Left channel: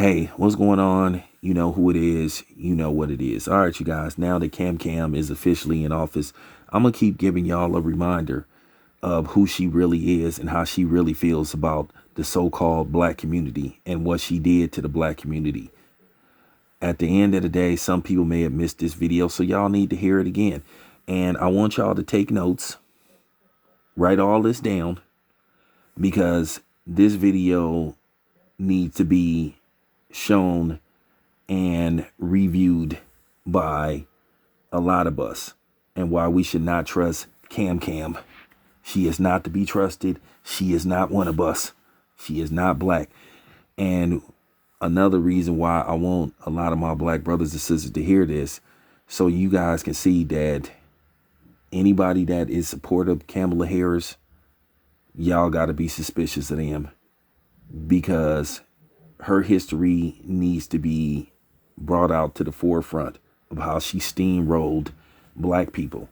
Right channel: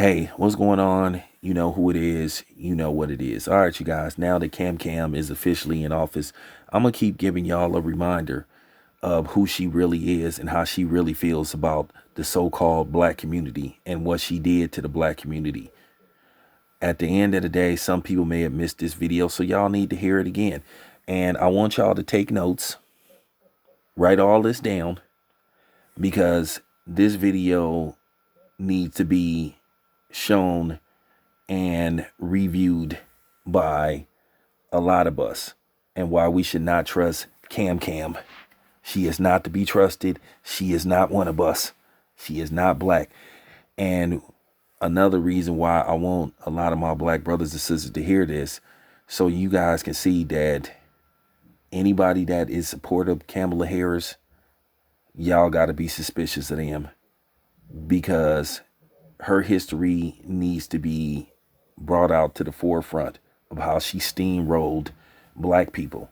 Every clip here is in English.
Hey, what's going on? You know who it is. You know what it is. All right, you guys. Now that Kam Kam is officially in office, I'm going to keep giving y'all a reminder of who she really is and how she really feels about the so-called black community and what she did to the black community. At the end of the day, some people may have missed this video, so y'all need to hear it again. And I want y'all to take notes, write all this down, because this video needs to be shown and reviewed by a lot of us, and why we should not trust Kam Kam. She is not to be trusted. She is not one of us. She is not black. And another reason why I want a lot of my black brothers and sisters to hear this, so you guys can see that anybody that is supportive of Kamala Harris, y'all got to be suspicious of them, because her history needs to be brought out to the forefront of how she steamrolled black people.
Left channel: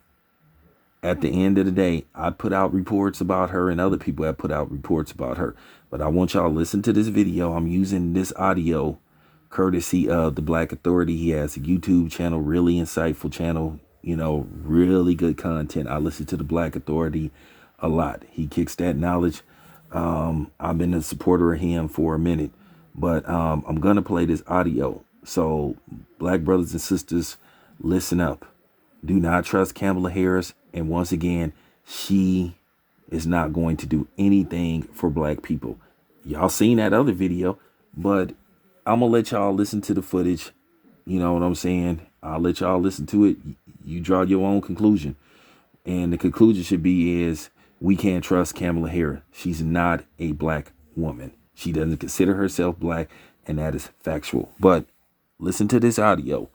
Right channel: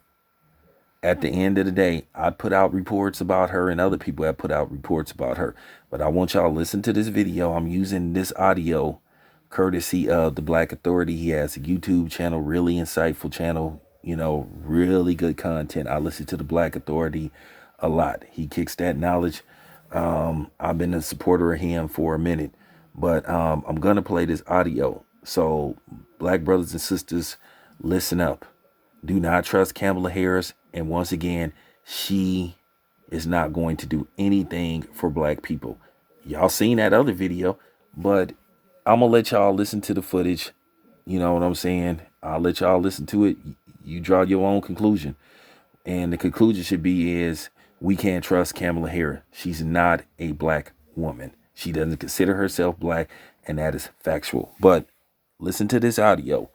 At the end of the day, I put out reports about her and other people have put out reports about her. But I want y'all to listen to this video. I'm using this audio courtesy of the Black Authority. He has a YouTube channel, really insightful channel, you know, really good content. I listen to the Black Authority a lot. He kicks that knowledge. I've been a supporter of him for a minute, but I'm going to play this audio. So black brothers and sisters, listen up. Do not trust Kamala Harris. And once again, she is not going to do anything for black people. Y'all seen that other video, but I'm going to let y'all listen to the footage. You know what I'm saying? I'll let y'all listen to it. You draw your own conclusion. And the conclusion should be is we can't trust Kamala Harris. She's not a black woman. She doesn't consider herself black, and that is factual. But listen to this audio.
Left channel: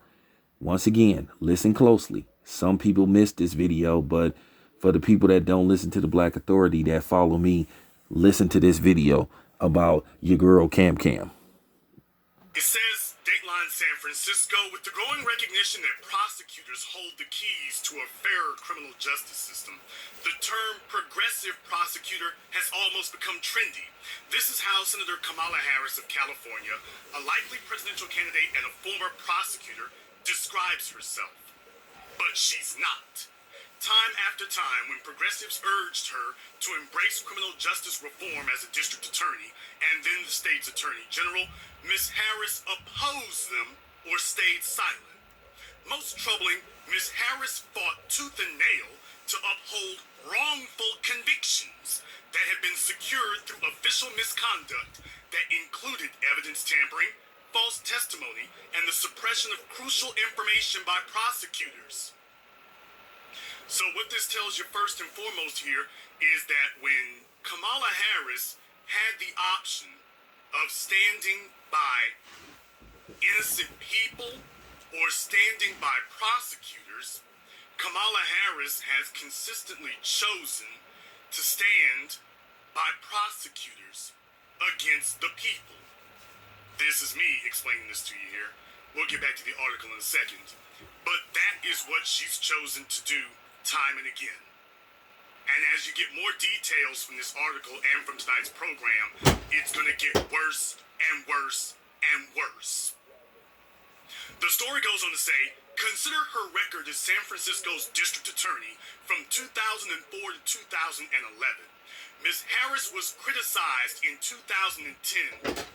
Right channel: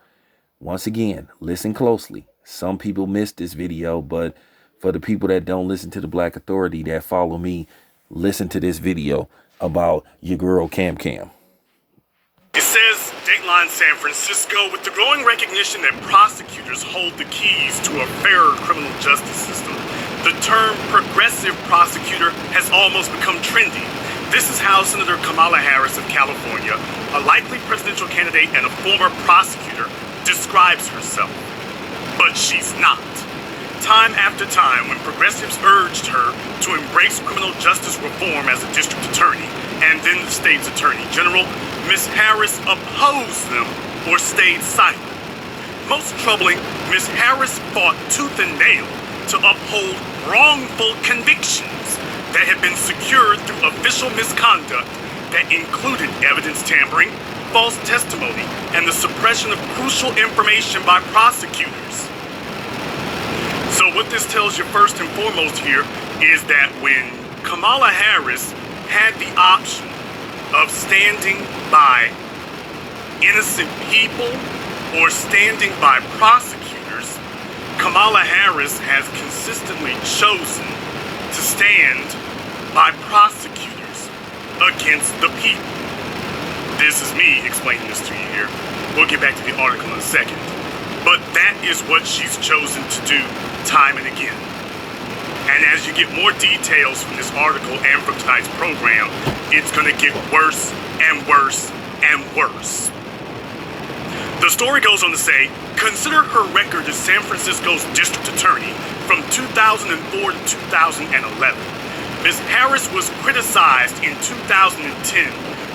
Once again, listen closely. Some people missed this video, but for the people that don't listen to the Black Authority, that follow me, listen to this video about your girl Kam Kam. It says Dateline San Francisco, with the growing recognition that prosecutors hold the keys to a fairer criminal justice system, the term progressive prosecutor has almost become trendy. This is how Senator Kamala Harris of California, a likely presidential candidate and a former prosecutor, describes herself. But she's not. Time after time, when progressives urged her to embrace criminal justice reform as a district attorney and then the state's attorney general, Ms. Harris opposed them or stayed silent. Most troubling, Ms. Harris fought tooth and nail to uphold wrongful convictions that had been secured through official misconduct that included evidence tampering, false testimony, and the suppression of crucial information by prosecutors. So what this tells you first and foremost here is that when Kamala Harris had the option of standing by innocent people or standing by prosecutors, Kamala Harris has consistently chosen to stand by prosecutors against the people. This is me explaining this to you here. We'll get back to the article in a second. But that is what she's chosen to do time and again. And as you get more details from this article and from tonight's program, it's going to get worse and worse and worse. The story goes on to say, consider her record as San Francisco's district attorney from 2004 to 2011. Ms. Harris was criticized in 2010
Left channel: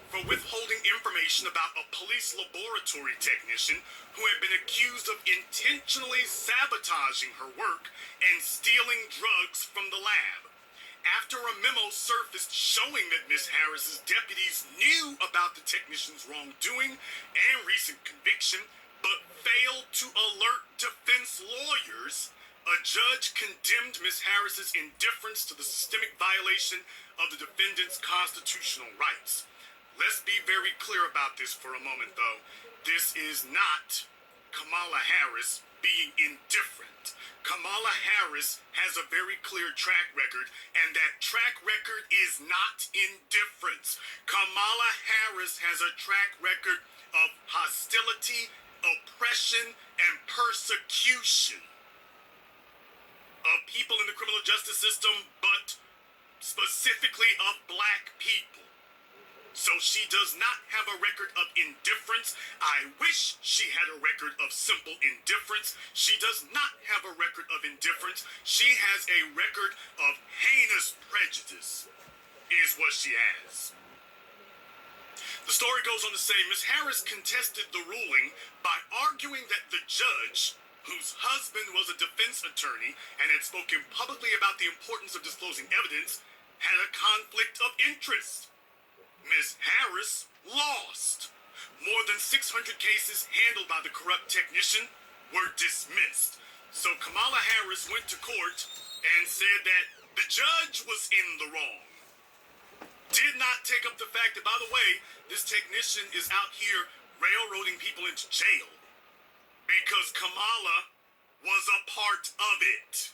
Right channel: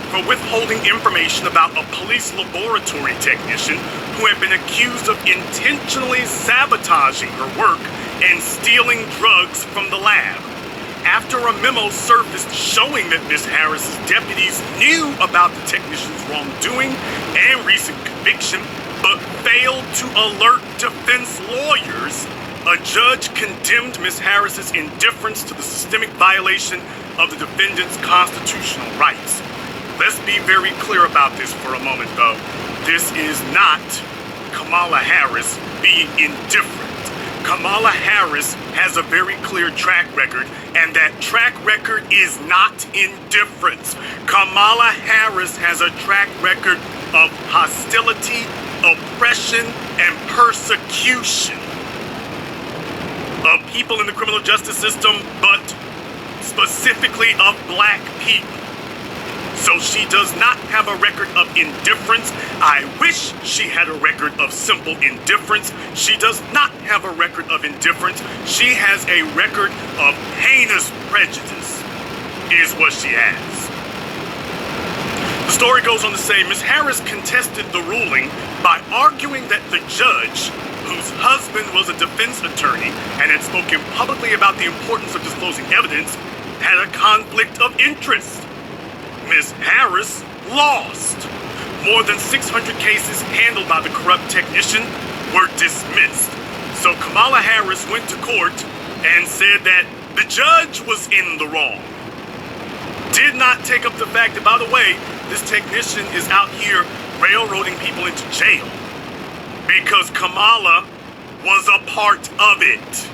for withholding information about a police laboratory technician who had been accused of intentionally sabotaging her work and stealing drugs from the lab. After a memo surfaced showing that Ms. Harris's deputies knew about the technician's wrongdoing and recent conviction, but failed to alert defense lawyers, a judge condemned Ms. Harris's indifference to the systemic violation of the defendant's constitutional rights. Let's be very clear about this for a moment, though. This is not Kamala Harris being indifferent. Kamala Harris has a very clear track record, and that track record is not indifference. Kamala Harris has a track record of hostility, oppression, and persecution of people in the criminal justice system, but specifically of black people. So she does not have a record of indifference. I wish she had a record of simple indifference. She does not have a record of indifference. She has a record of heinous prejudice, is what she has. The story goes on to say Ms. Harris contested the ruling by arguing that the judge, whose husband was a defense attorney and had spoken publicly about the importance of disclosing evidence, had a conflict of interest. Ms. Harris lost. More than 600 cases handled by the corrupt technician were dismissed. So Kamala Harris went to court and said that the judge was in the wrong. Did not take up the fact that, by the way, this technician is out here railroading people into jail because Kamala was a part of it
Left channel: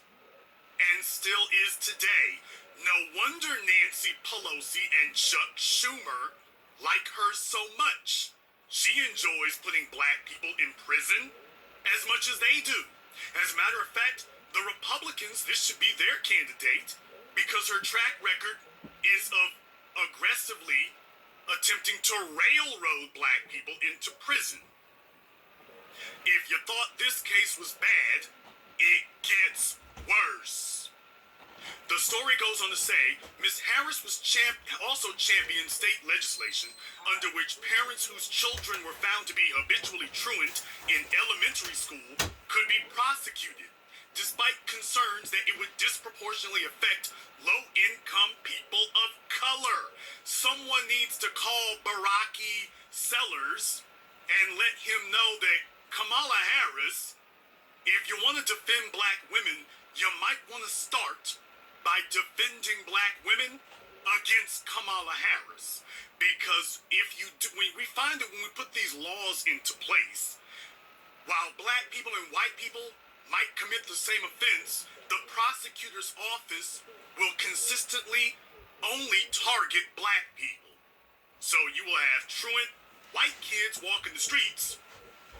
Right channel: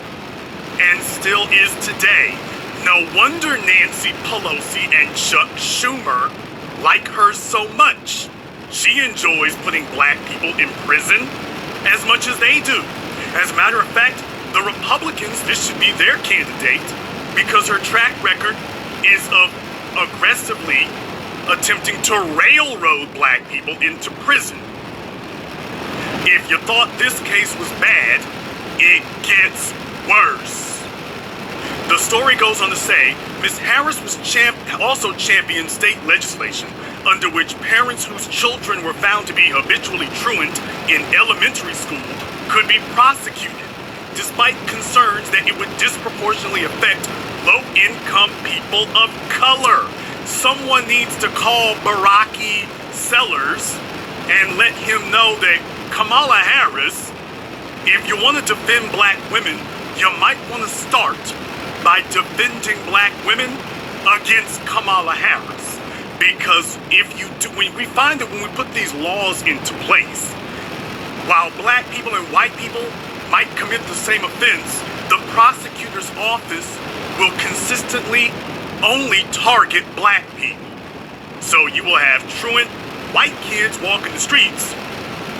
and still is today. No wonder Nancy Pelosi and Chuck Schumer like her so much. She enjoys putting black people in prison as much as they do. As a matter of fact, the Republicans, this should be their candidate because her track record is of aggressively attempting to railroad black people into prison. If you thought this case was bad, it gets worse. The story goes on to say, Ms. Harris was also championed state legislation under which parents whose children were found to be habitually truant in elementary school could be prosecuted, despite concerns that it would disproportionately affect low-income people of color. Someone needs to call Baraki Sellers and let him know that Kamala Harris, if you want to defend black women, you might want to start by defending black women against Kamala Harris. Because if you do, we find that when we put these laws into place, while black people and white people might commit the same offense, the prosecutor's office will consistently only target black people. So you will have truant white kids walking the streets,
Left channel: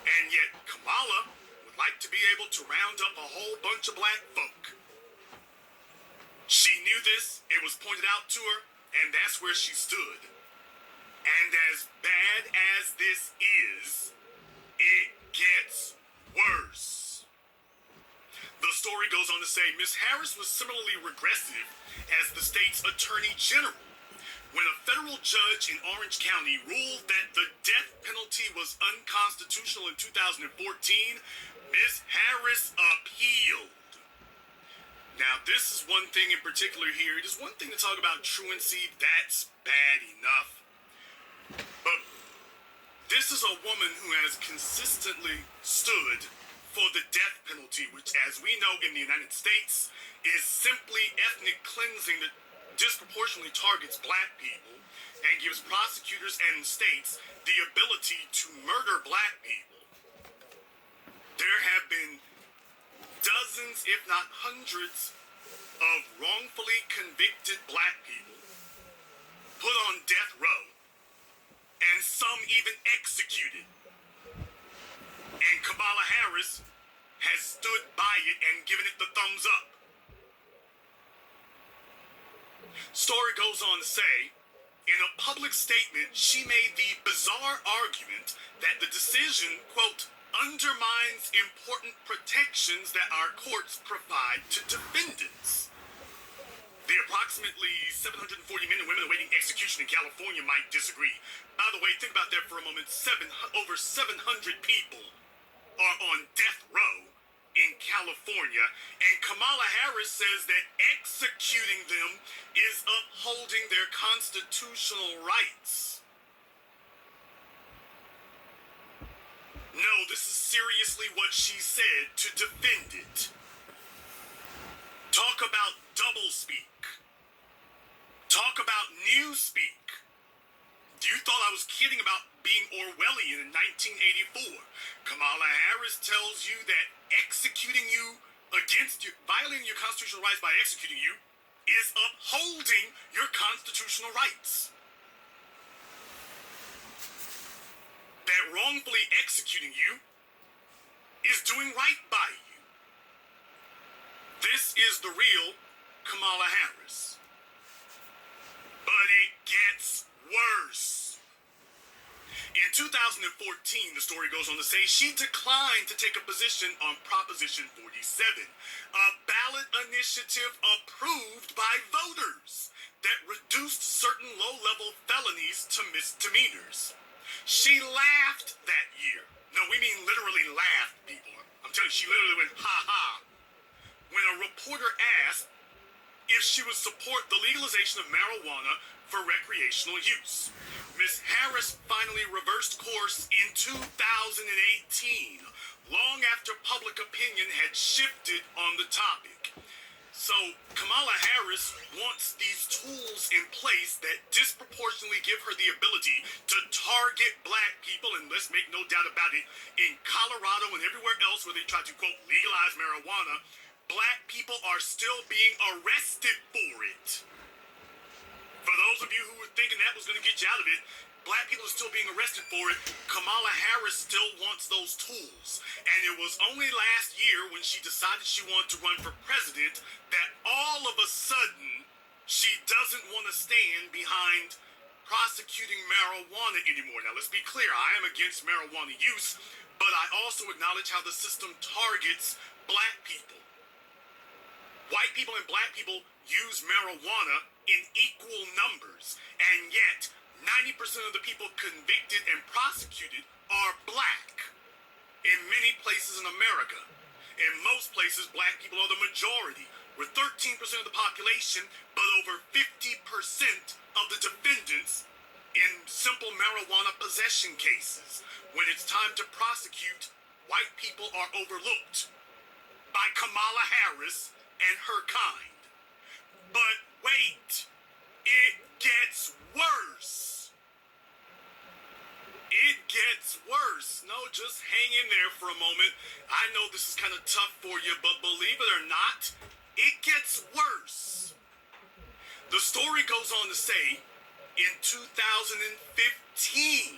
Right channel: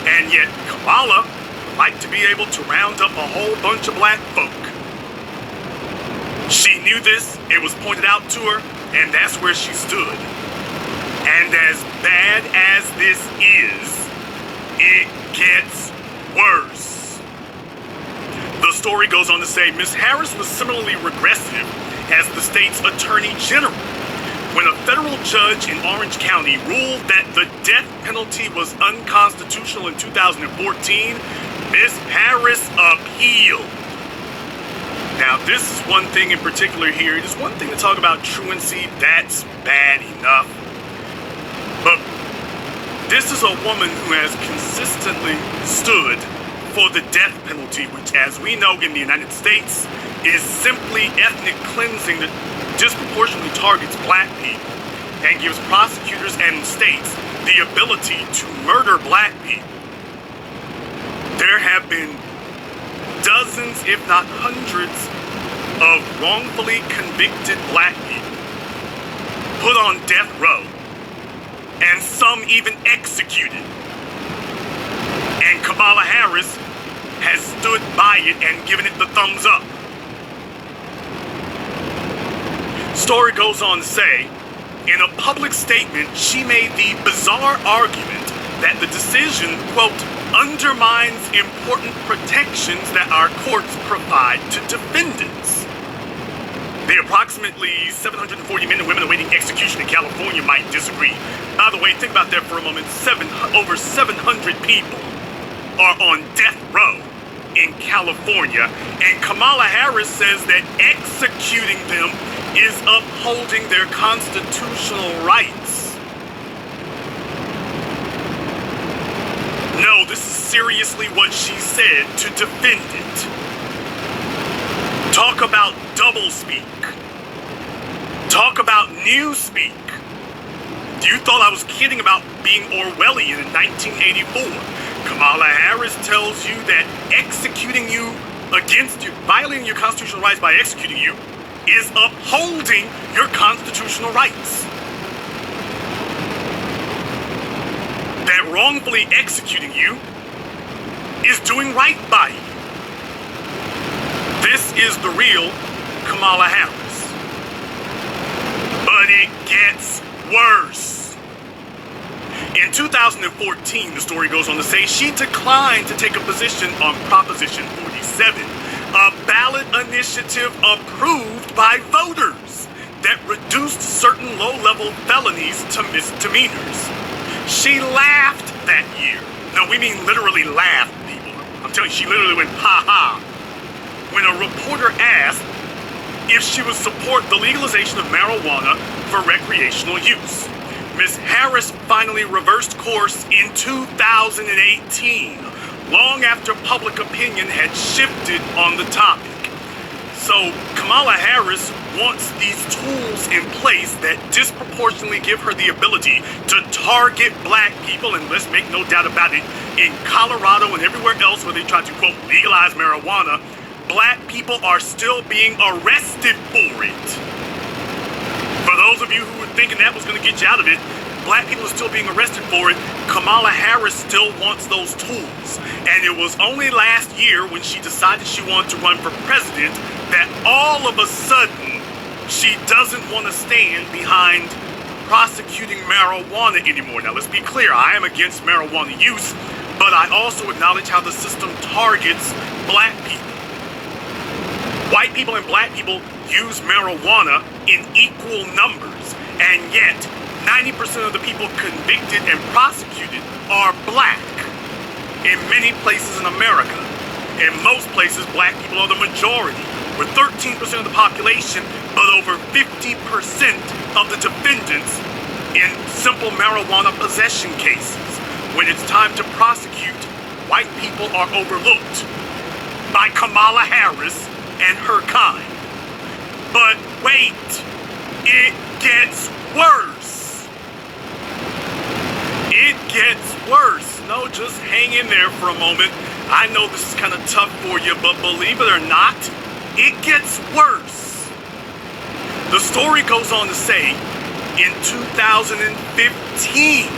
and yet Kamala would like to be able to round up a whole bunch of black folk. She knew this, it was pointed out to her, and that's where she stood. And as bad as this is, it gets worse. The story goes on to say Ms. Harris was similarly regressive as the state's attorney general when a federal judge in Orange County ruled that the death penalty was unconstitutional in 2014. Ms. Harris appealed. Now, this is one thing in particular here. It is one thing to talk about truancy. That's bad enough. But this is a woman who has consistently stood for the death penalty, which, as we know in the United States, is simply ethnic cleansing that disproportionately targets black people and gives prosecutors and states the ability to murder black people. There have been dozens, if not hundreds, of wrongfully convicted black people put on death row, and some even executed. And Kamala Harris has stood by it and given it the thumbs up. Story goes on to say, in a public statement, she made the bizarre argument that the decision, quote, undermines important protections that our courts provide to defendants. The approximately 740 men and women awaiting execution in California might disagree. By the way, think about that for a moment. Over 700 people are on death row in California, and Kamala Harris says that executing them is upholding their constitutional rights. No, this is seriously what she said to defend it. Talk about doublespeak. Talk about newspeak. You thought I was kidding about being Orwellian in 1984. Kamala Harris tells you that executing you against you, violating your constitutional rights by executing you, is upholding your constitutional rights. That wrongfully executing you is doing right by you. This is the real Kamala Harris. But it gets worse. In 2014, the story goes on to say she declined to take a position on Proposition 47, a ballot initiative approved by voters that reduced certain low-level felonies to misdemeanors. She laughed that year. No, we mean literally laughed, people. I'm telling you, she literally went ha-ha when a reporter asked if she would support the legalization of marijuana for recreational use. Ms. Harris finally reversed course in 2018, long after public opinion had shifted on the topic. So Kamala Harris wants these tools in place that disproportionately give her the ability to target black people, and let's make no doubt about it, in Colorado and everywhere else where they try to, quote, legalize marijuana, black people are still being arrested for it. For those of you who were thinking that was going to get you out of it, black people are still being arrested for it. Kamala Harris still wants those tools. And it was only last year when she decided she wanted to run for president that all of a sudden she doesn't want to stand behind prosecuting marijuana anymore. Now, let's be clear. I am against marijuana use, but I also acknowledge how the system targets black people. White people and black people use marijuana in equal numbers, and yet 90% of the people convicted and prosecuted are black in many places in America. In most places, black people are the majority. We're 13% of the population, but over 50% of the defendants in simple marijuana possession cases. When it's time to prosecute, white people are overlooked by Kamala Harris and her kind. But wait, it gets worse. It gets worse. No, just hang in there for a moment. I know this is kind of tough for you, but believe it or not, it gets worse. The story goes on to say, in 2015,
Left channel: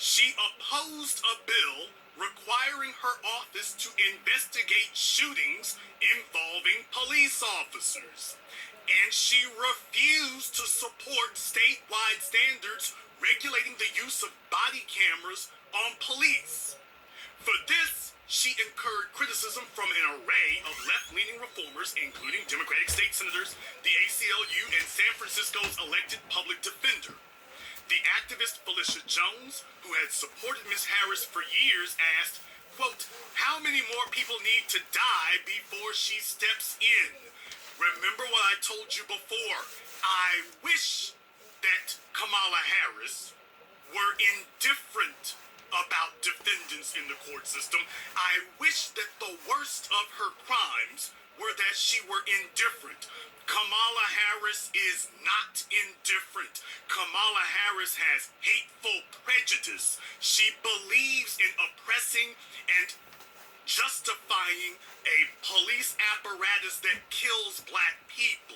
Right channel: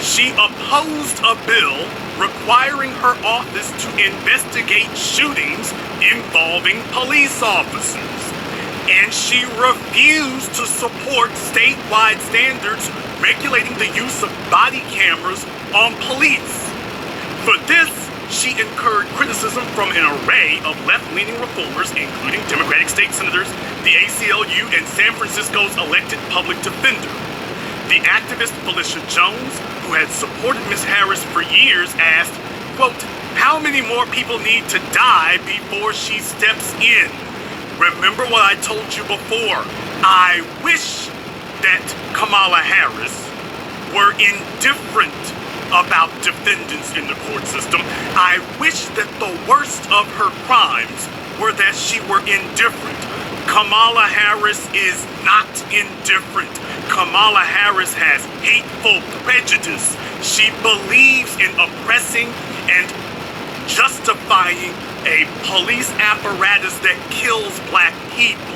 she opposed a bill requiring her office to investigate shootings involving police officers. And she refused to support statewide standards regulating the use of body cameras on police. For this, she incurred criticism from an array of left-leaning reformers, including Democratic state senators, the ACLU, and San Francisco's elected public defender. The activist Felicia Jones, who had supported Ms. Harris for years, asked, quote, how many more people need to die before she steps in? Remember what I told you before. I wish that Kamala Harris were indifferent about defendants in the court system. I wish that the worst of her crimes were that she were indifferent. Kamala Harris is not indifferent. Kamala Harris has hateful prejudice. She believes in oppressing and justifying a police apparatus that kills black people.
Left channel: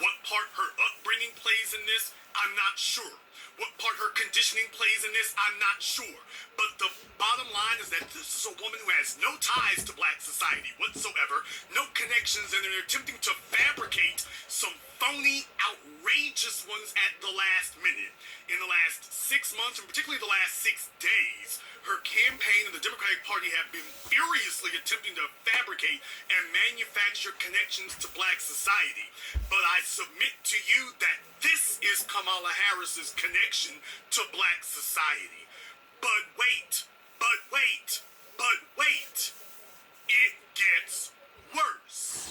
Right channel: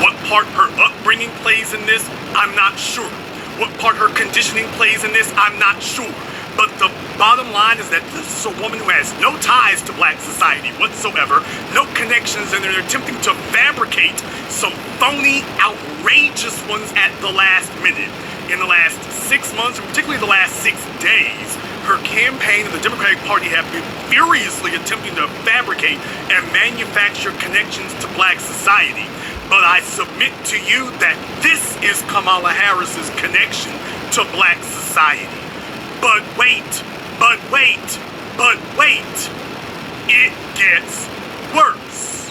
What part her upbringing plays in this, I'm not sure. What part her conditioning plays in this, I'm not sure. But the bottom line is that this is a woman who has no ties to black society whatsoever, no connections, and they're attempting to fabricate some phony, outrageous ones at the last minute. In the last 6 months, and particularly the last 6 days, her campaign and the Democratic Party have been furiously attempting to fabricate and manufacture connections to black society. But I submit to you that this is Kamala Harris's connection to black society. But wait, it gets worse.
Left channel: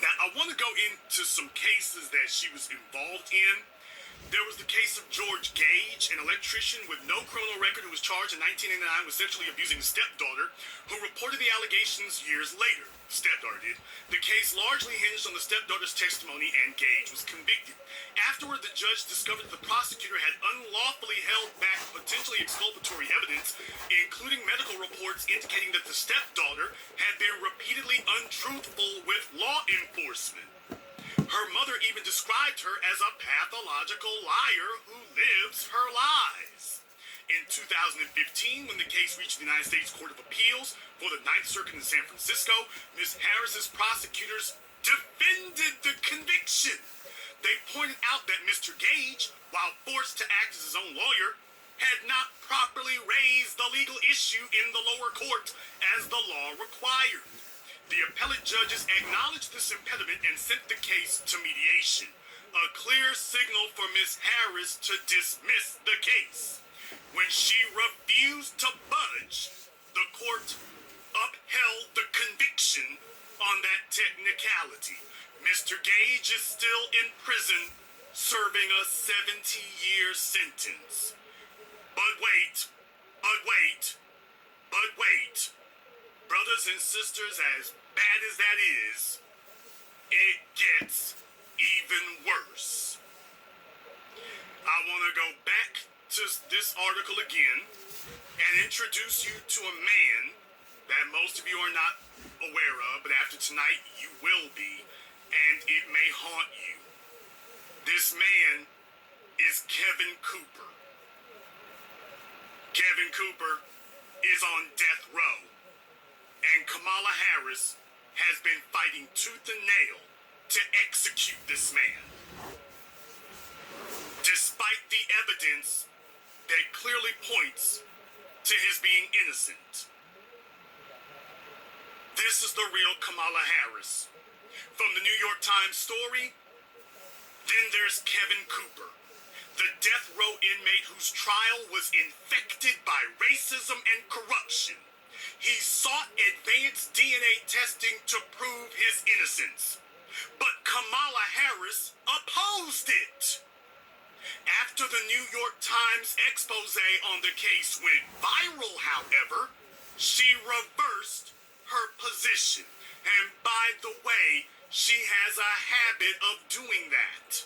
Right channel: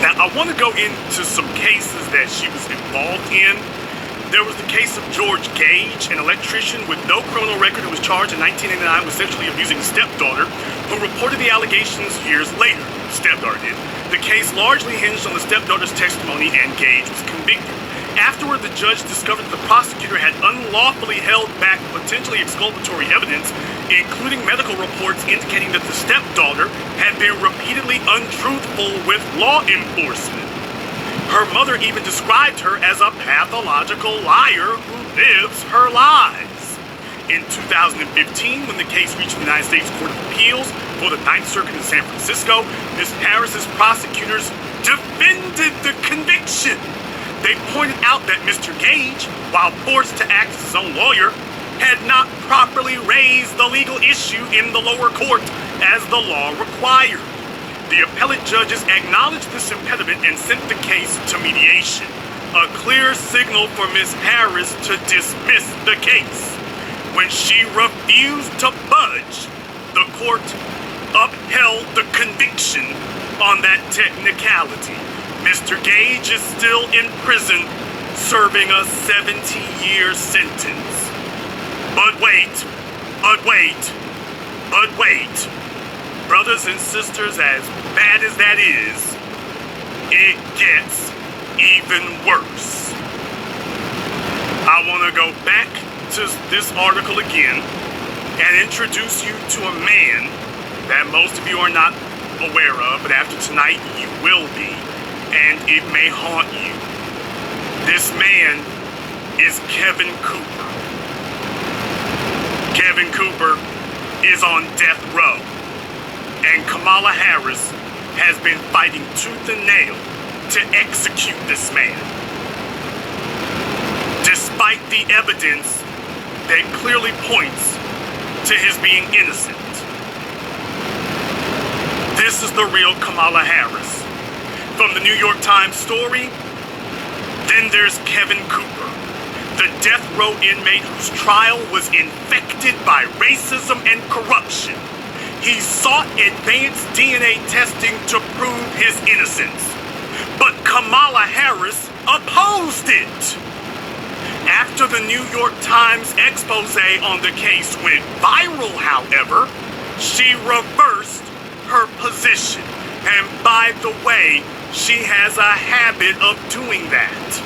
Now, I want to go into some cases that she was involved in. There was the case of George Gage, an electrician with no criminal record who was charged in 1989 with sexually abusing his stepdaughter, who reported the allegations years later. Stepdaughter did. The case largely hinged on the stepdaughter's testimony, and Gage was convicted. Afterward, the judge discovered that the prosecutor had unlawfully held back potentially exculpatory evidence, including medical reports indicating that the stepdaughter had been repeatedly untruthful with law enforcement. Her mother even described her as a pathological liar who lives her lies. In 2015, when the case reached the United States Court of Appeals for the Ninth Circuit in San Francisco, Ms. Harris's prosecutors defended the conviction. They pointed out that Mr. Gage, while forced to act as his own lawyer, had not properly raised the legal issue in the lower court as the law required. The appellate judges acknowledged this impediment and sent the case to mediation, a clear signal for Ms. Harris to dismiss the case. When she refused to budge, the court upheld the conviction on that technicality. Mr. Gage is still in prison, serving a 70-year sentence. But wait, brothers and sisters, as bad as that is, it gets even worse. I want to go back to this article again and introduce you to a man that most of you are not aware of, but after tonight you will be, and it may haunt you. This man is Kevin Cooper. Kevin Cooper is on death row, and Kamala Harris has been fighting tooth and nail to execute this man. Despite the evidence that clearly points to his being innocent. This is the real Kamala Harris. From the New York Times story, then there's Kevin Cooper, the death row inmate whose trial was infected by racism and corruption. He sought advanced DNA testing to prove his innocence, but Kamala Harris opposed it. After the New York Times expose on the case went viral, however, she reversed her position. And by the way, she has a habit of doing that.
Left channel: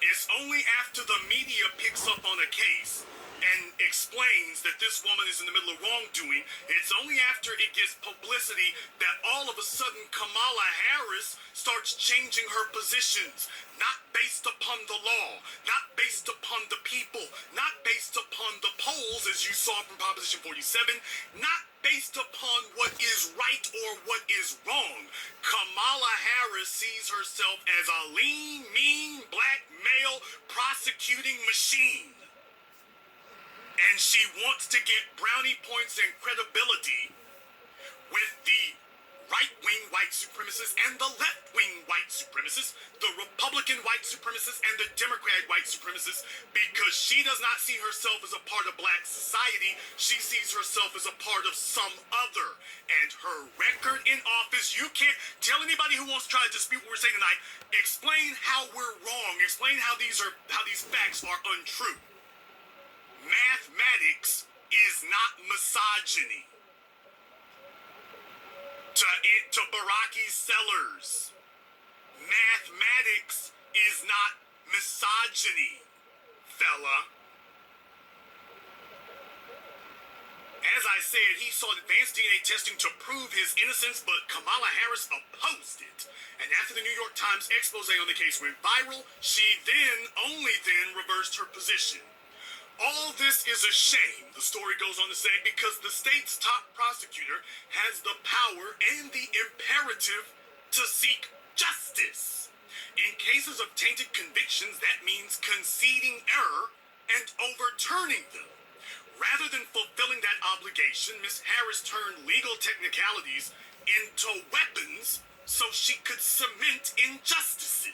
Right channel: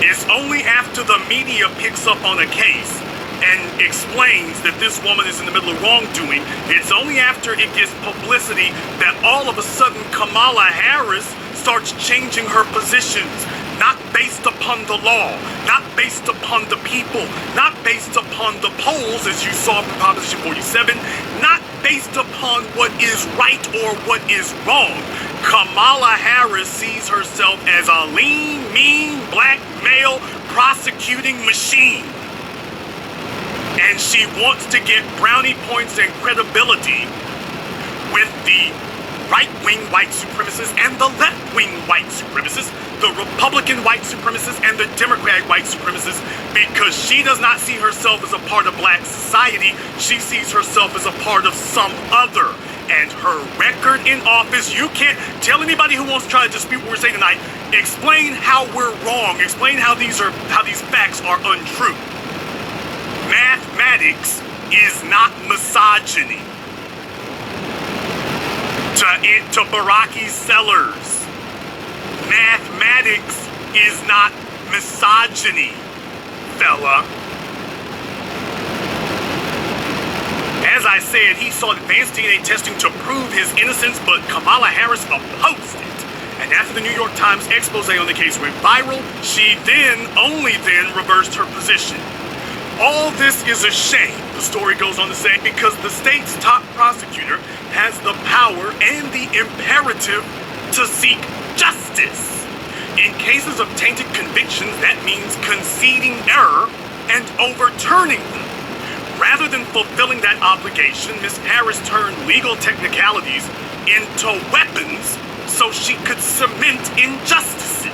It's only after the media picks up on a case and explains that this woman is in the middle of wrongdoing, it's only after it gets publicity that all of a sudden Kamala Harris starts changing her positions, not based upon the law, not based upon the people, not based upon the polls, as you saw from Proposition 47, not based upon what is right or what is wrong. Kamala Harris sees herself as a lean, mean, black male prosecuting machine. And she wants to get brownie points and credibility with the right-wing white supremacists and the left-wing white supremacists, the Republican white supremacists and the Democratic white supremacists, because she does not see herself as a part of black society. She sees herself as a part of some other. And her record in office, you can't tell anybody who wants to try to dispute what we're saying tonight, explain how we're wrong, explain how these facts are untrue. Mathematics is not misogyny. To Baraki Sellers, mathematics is not misogyny, fella. As I said, he sought advanced DNA testing to prove his innocence, but Kamala Harris opposed it. And after the New York Times expose on the case went viral, she only then reversed her position. All this is a shame, the story goes on to say, because the state's top prosecutor has the power and the imperative to seek justice. In cases of tainted convictions, that means conceding error and overturning them. Rather than fulfilling that obligation, Ms. Harris turned legal technicalities into weapons so she could cement injustices.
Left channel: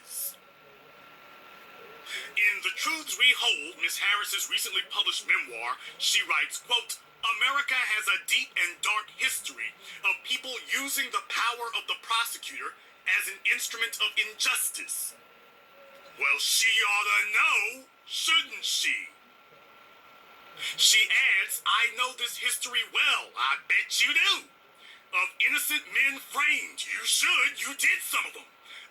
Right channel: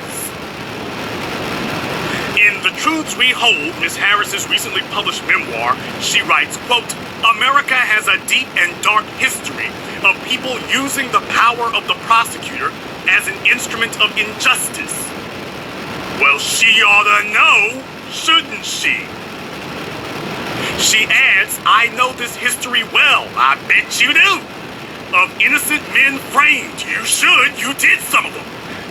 In The Truths We Hold, Ms. Harris's recently published memoir, she writes, quote, "America has a deep and dark history of people using the power of the prosecutor as an instrument of injustice." Well, she ought to know, shouldn't she? She adds, "I know this history well, I bet you do. Of innocent men framed, you should, you did some of them.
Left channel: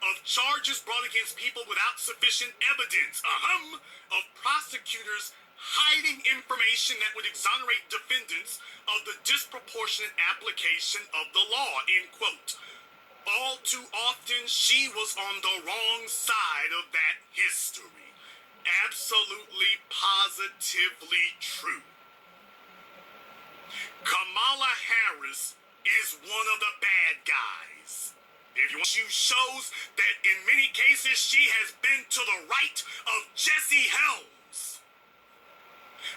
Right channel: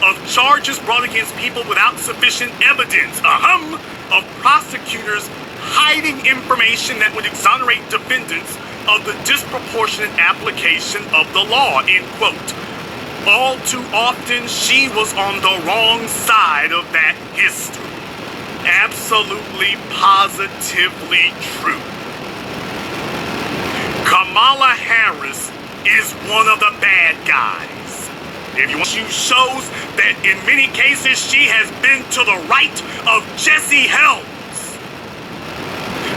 Of charges brought against people without sufficient evidence, of prosecutors hiding information that would exonerate defendants of the disproportionate application of the law," end quote. All too often, she was on the wrong side of that history. Absolutely, positively true. Kamala Harris is one of the bad guys. If you want to shows that in many cases she has been to the right of Jesse Helms.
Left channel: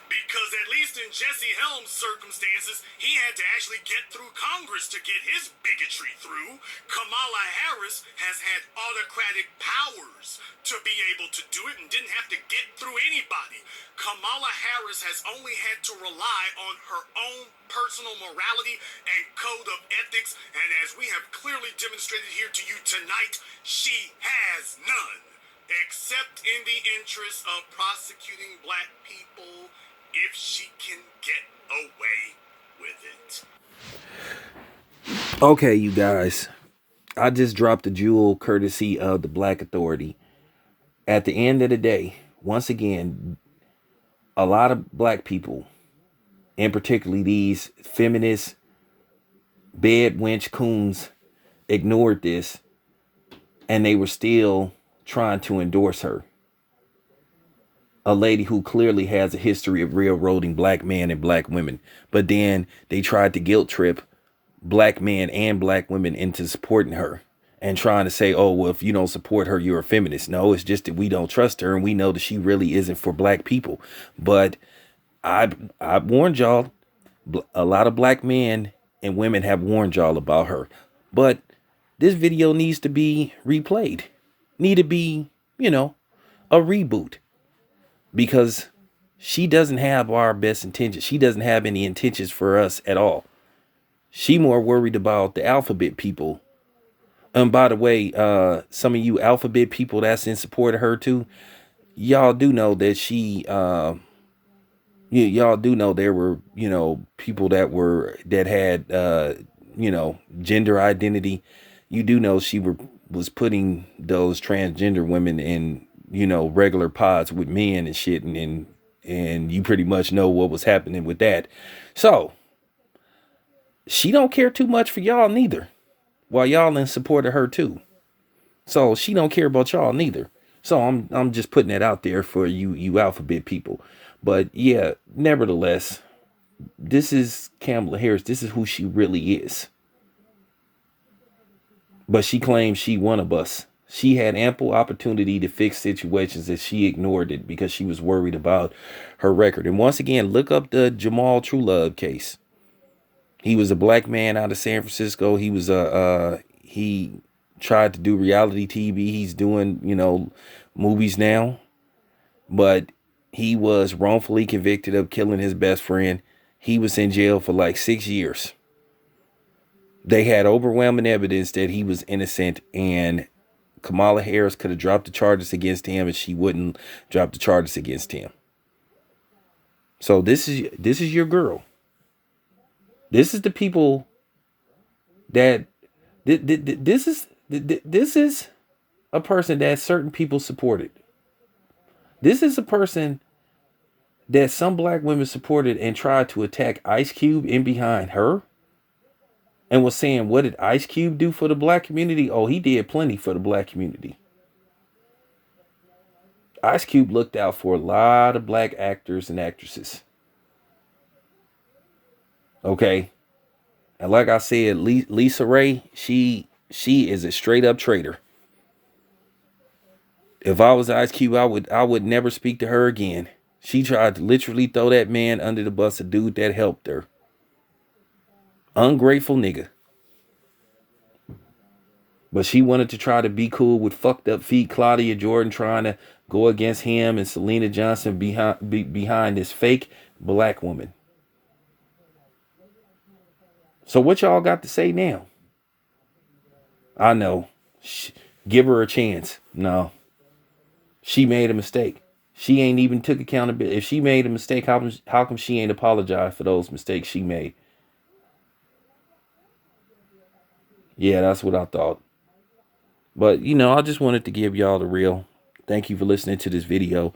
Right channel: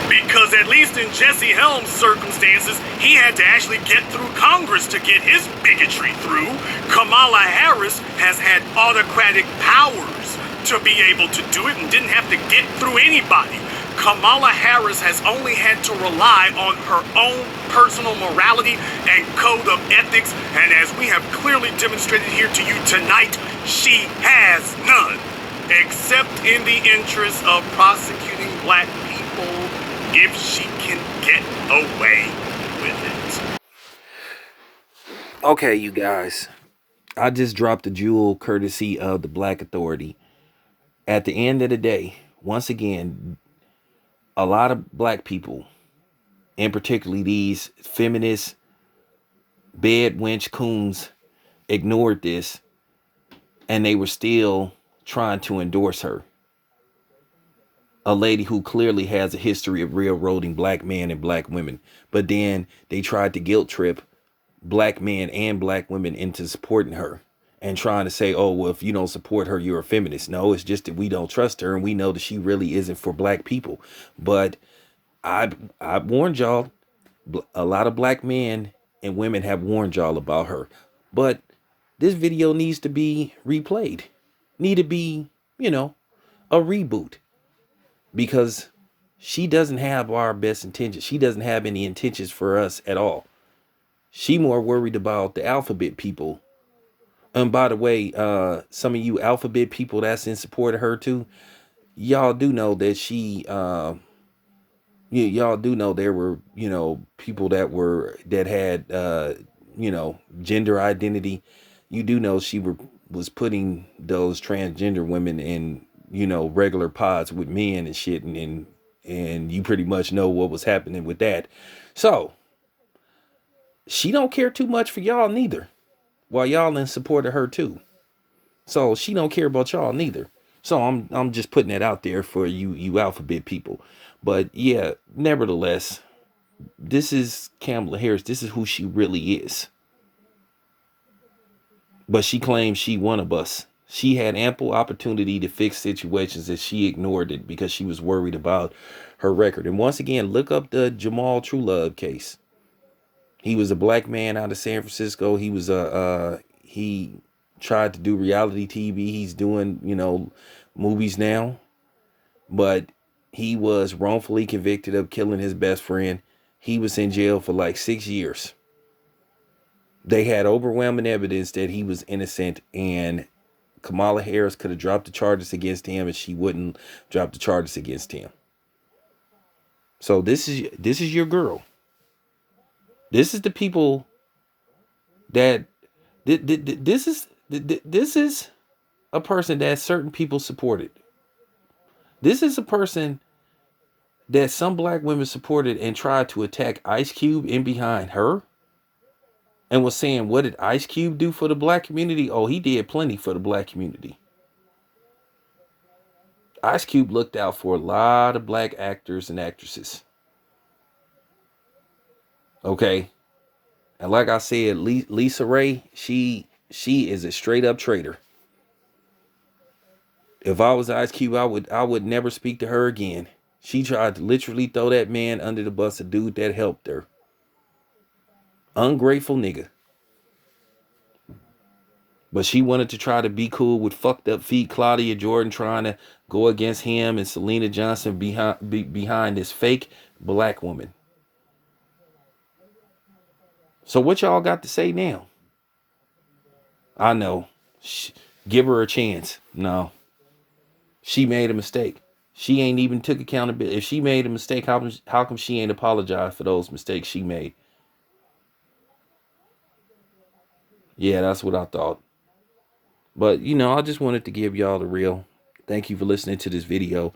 Because at least in Jesse Helms' circumstances, he had to actually get through Congress to get his bigotry through. Kamala Harris has had autocratic powers to be able to do it and didn't have to get through anybody. Kamala Harris has only had to rely on her own personal morality and code of ethics, and as we have clearly demonstrated here to you tonight, she has none, except in the interest of prosecuting black people if she can get away with it. Okay, you guys, I just dropped a jewel courtesy of the Black Authority. At the end of the day, once again, a lot of black people, and particularly these feminist bed wench coons, ignored this, and they were still trying to endorse her. A lady who clearly has a history of railroading black men and black women. But then they tried to guilt trip black men and black women into supporting her and trying to say, oh, well, if you don't support her, you're a feminist. No, it's just that we don't trust her and we know that she really isn't for black people. But I warned y'all, a lot of black men and women have warned y'all about her. But this video needs to be replayed. Need to be, a reboot. Because she doesn't have our best intentions. She doesn't have any intentions for us at all. She more worried about the alphabet people. And by the way, some of you alphabet people that's in support of her too, y'all do know that y'all do know there were, people that had, gender identity. You do know she was putting those transgender women in, regular pods with men and shit. And you pretty much know what was happening with that. So she don't care too much for y'all neither. While y'all in support of her too. So she don't care about y'all neither. So I'm just putting that out there for you alphabet people. But yeah, nevertheless, this is Kamala Harris. This is who she really is. But she claims she one of us. She had ample opportunity to fix situations and she ignored it because she was worried about her record. And once again, look up the Jamal Truelove case. He was a black man out of San Francisco. He was he tried to do reality TV. He's doing, movies now. But he was wrongfully convicted of killing his best friend. He was in jail for like 6 years. They had overwhelming evidence that he was innocent, and Kamala Harris could have dropped the charges against him, and she wouldn't drop the charges against him. So this is your girl. This is the people that this is a person that certain people supported. This is a person that some black women supported and tried to attack Ice Cube in behind her and was saying, what did Ice Cube do for the black community? Oh, he did plenty for the black community. Ice Cube looked out for a lot of black actors and actresses. Okay. And like I said, Lisa Ray, she is a straight up traitor. If I was Ice Cube, I would never speak to her again. She tried to literally throw that man under the bus, a dude that helped her. Ungrateful nigga. But she wanted to try to be cool with fucked up feet Claudia Jordan trying to go against him and Selena Johnson behind this fake black woman. So what y'all got to say now? I know. Give her a chance. No. She made a mistake. She ain't even took accountability. If she made a mistake, how come she ain't apologized for those mistakes she made? Yeah, that's what I thought. But, I just wanted to give y'all the real. Thank you for listening to this video.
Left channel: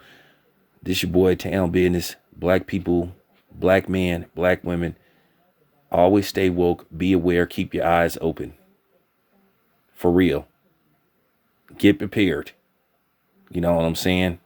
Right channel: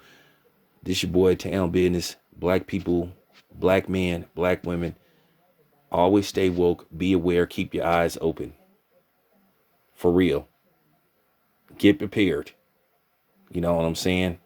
This your boy, Town Business. Black people, black men, black women. Always stay woke. Be aware. Keep your eyes open. For real. Get prepared. You know what I'm saying?